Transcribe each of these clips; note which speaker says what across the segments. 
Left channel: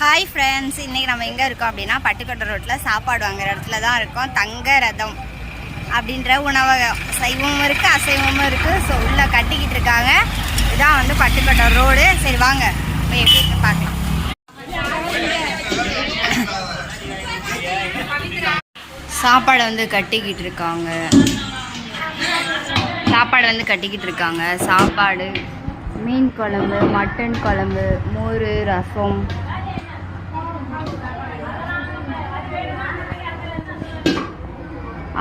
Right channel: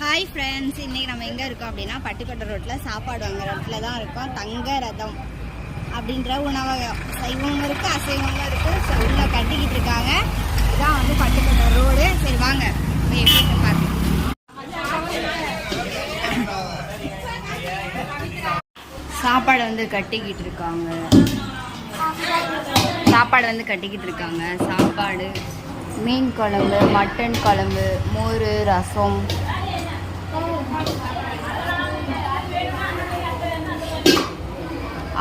Speaker 1: Hi friends இன்றைக்கி நம்ம எங்கே இருக்கோம் அப்படின்னா பட்டுக்கோட்டை ரோட்டில் சாப்பாடு வாங்குற இடத்துல தான் இருக்கோம். தங்க ரதம் அப்படின்ற உணவகம் சைவமும் இருக்குது அசைவமும் இருக்குது ஸோ உள்ளே கட்டிக்கிட்டு இருக்காங்க. இதான் வந்து பட்டுக்கோட்டை ரோடு சரி வாங்க. போய் எப்படி பார்க்கலாம். சாப்பாடு வந்து கட்டிக்கிட்டு இருக்காங்க. சாப்பாடு வந்து கட்டிக்கிட்டு இருக்காங்க. சாப்பாடு மீன் குழம்பு மட்டன் குழம்பு மோர் ரசம்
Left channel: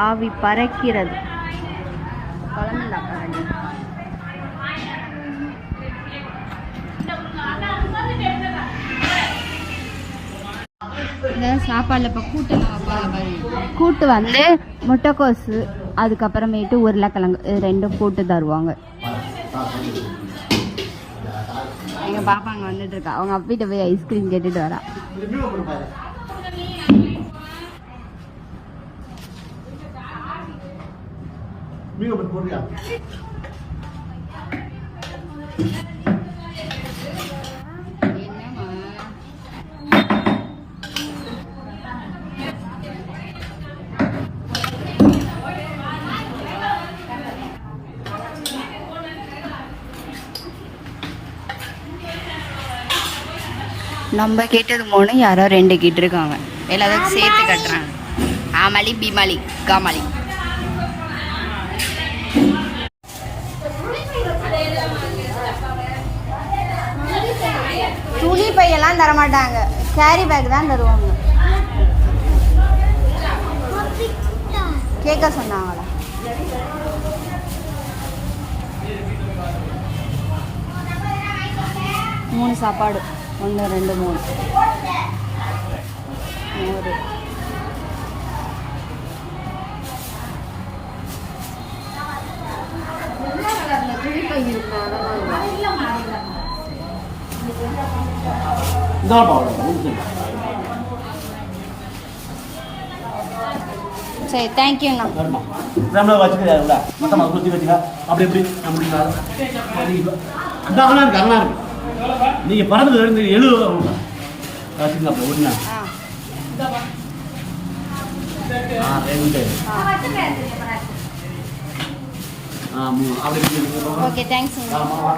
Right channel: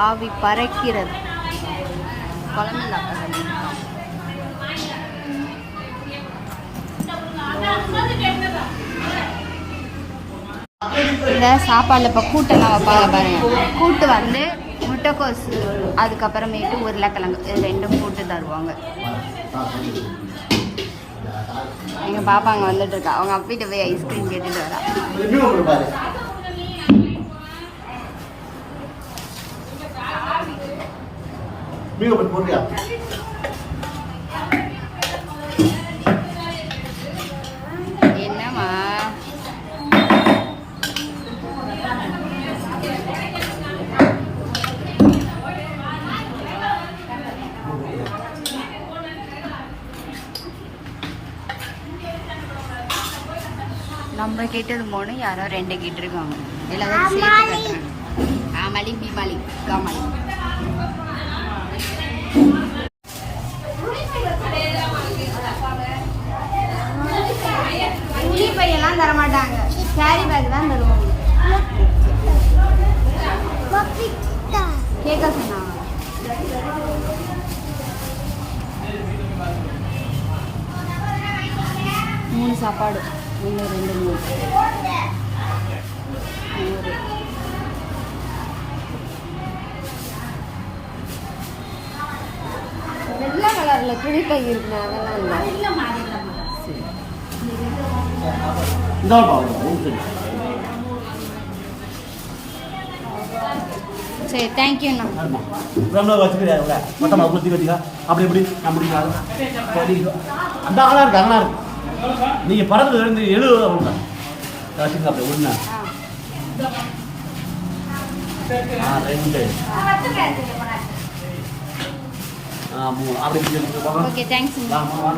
Speaker 1: ஆவி பறக்கிறது. இந்த சாப்பாடில் இப்போ கூட்டெல்லாம் வைப்பாங்க பாருங்க. கூட்டு வந்து முட்டைக்கோசு அதுக்கப்புறமேட்டு உருளைக்கிழங்கு இது ரெண்டும் கூட்டு தருவாங்க. எங்கள் பாப்பா அங்கே வந்துட்டு இருக்கா. அவங்க அப்பிட்ட போய் ஐஸ்கிரீம் கேட்டுட்டு வரா.
Speaker 2: மீன் போட்டு போடுறியா?
Speaker 1: நம்ம கேட்டது மூணு யாரோ ரெண்டு கேட்டிருக்காங்க. எல்லாத்தையும் சேர்த்து கட்டுறாங்க. ஆமாளி பீமாளி காமாளி. துணி பையெல்லாம் தர மாட்டாங்க கேரி பேக் தான் தருவாங்க. கேட்க சொன்னாங்களா? மூணு சாப்பாடு. ஒன்று ரெண்டு மூணு. ஒரு கலரில் துணி பை இருக்கு
Speaker 2: இந்த பாவம் ஊத்து
Speaker 1: சரி. தேங்க்யூண்ணா
Speaker 2: வச்சுக்கிறீங்க உள்ள மொத்தம் அது குத்தி வச்சுக்க. அப்படி எப்படி அப்படி அந்த அங்கெல்லாம் இருக்கு அங்கெல்லாம் இருக்கு. நீங்கள் பறந்துல இருந்து எழுபது அவங்க வச்சுக்கங்க அப்படி ஒன்று
Speaker 1: ஆ.
Speaker 2: ரெண்டு.
Speaker 1: ஆ
Speaker 2: ஆ மூணு